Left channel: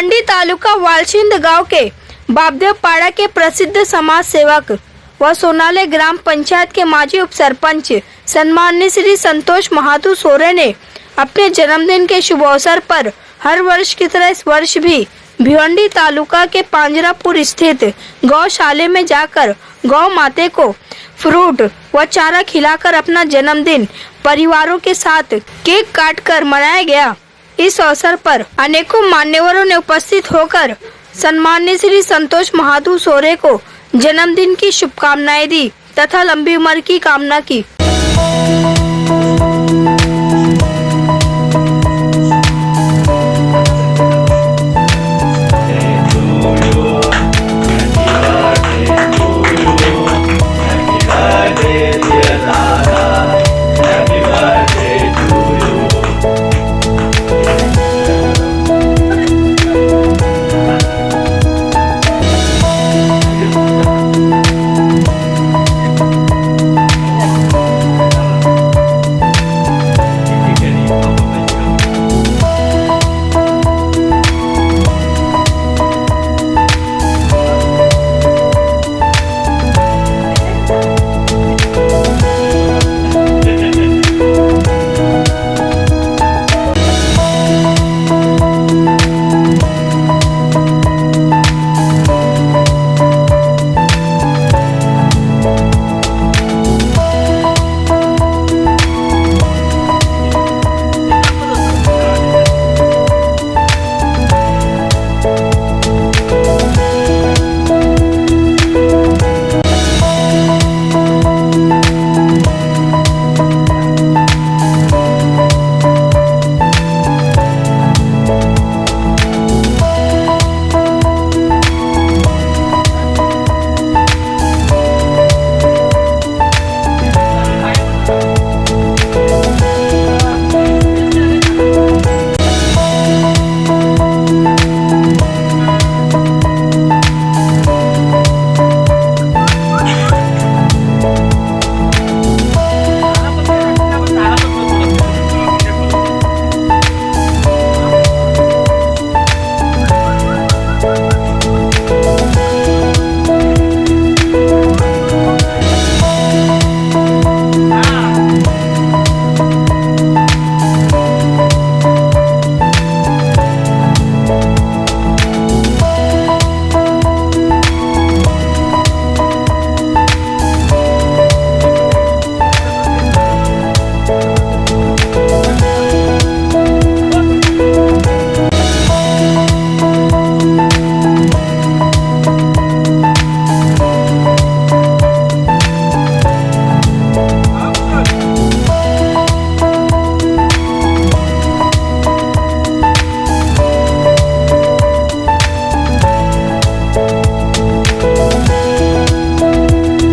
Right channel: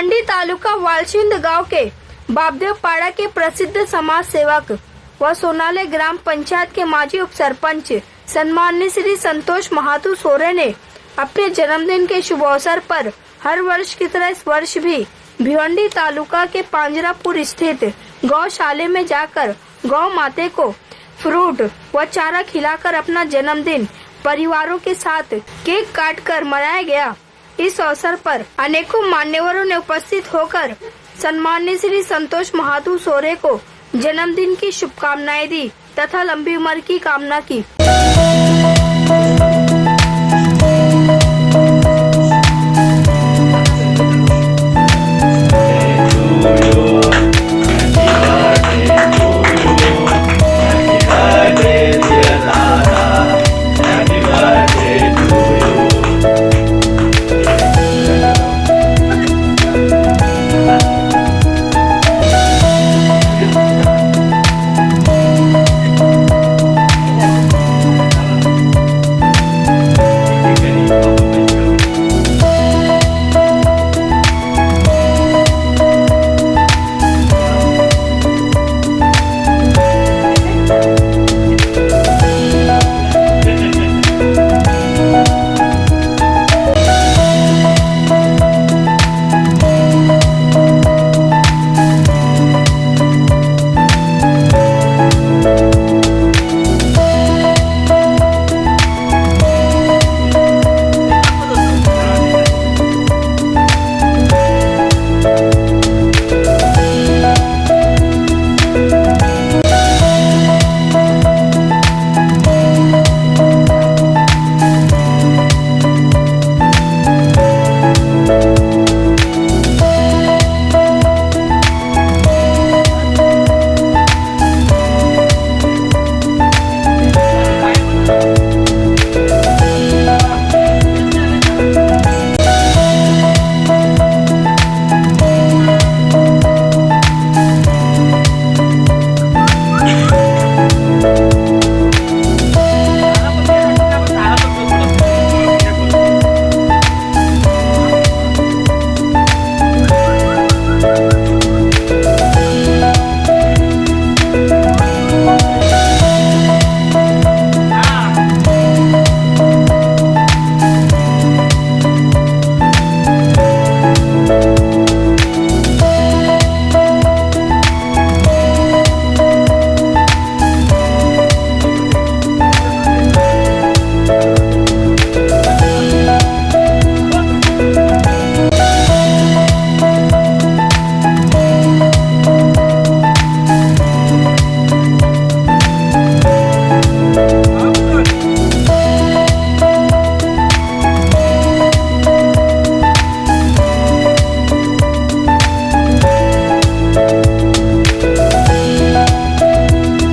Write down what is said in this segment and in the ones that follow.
भिवंडी तालुका वालशिंद गांव के बाबदेव पाड़ा के प्रसिद्ध समाज सेवक व सोनाले ग्राम पंचायत के माजी उपसरपंच सम्माननीय श्री संतोष महातू सोरे ने अपने जन्मदिन के शुभ अवसर पर हर वर्ष की तरह इस वर्ष भी भिवंडी तालुका के पांजरापुर स्थित गौशाले में जाकर गौ माते को फ्रूट व चारा खिलाकर अपना जन्मदिन परिवारों के साथ केक काटकर मनाया गया। इस अवसर पर अनेकों मान्यवरों ने उपस्थित होकर सम्माननीय श्री संतोष महातू सोरे को जन्मदिन की शुभकामनाएं दी तथा लंबी उम्र की कामना की।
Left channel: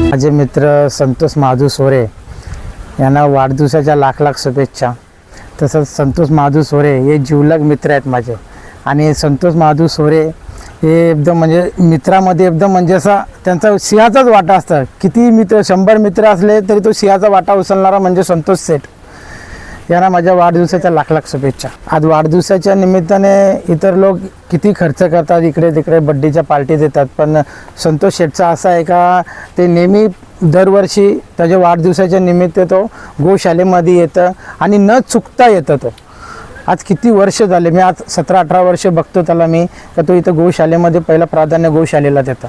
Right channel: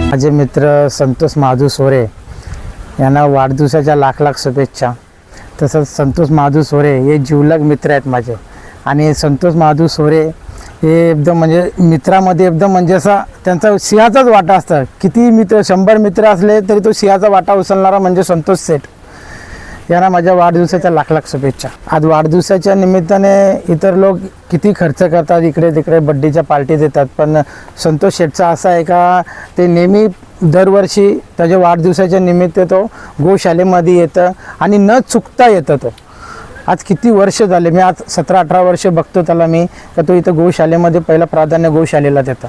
माझे मित्र संतोष महातू सोरे यांना वाढदिवसाच्या लाख लाख शुभेच्छा। तसंच संतोष महातू सोरे हे जिवलग मित्र आहेत माझे आणि संतोष महातू सोरे हे एकदम म्हणजे मित्रामध्ये एकदम म्हणजे असा त्यांचा सिंहाचाच वाटा असतं। किती मित्र 100 मित्र असले तरी तो सिंहाचा वाटा उचलणारा म्हणजे संतोष सेठ यांना माझ्या वाढदिवसाच्या लाख लाख शुभेच्छा। आज वाढदिवसाच्या निमित्ताने इतर लोक किती खर्च करतात, इकडे तिकडे बड्डेच्या पार्टी देतात, पण संतोष शेठचा असा आहे का ते नेहमी दरवर्षी त्याच्या वाढदिवसाच्या निमित्त तो गोशालेमध्ये येतं आणि न चुकता येतं। तो आज किती वर्ष झाले, मी आज 17-18 वर्ष बघतो त्याला मी, तर तो इथं गोशालेमध्ये पहिला प्राधान्य गोशालेला देतो।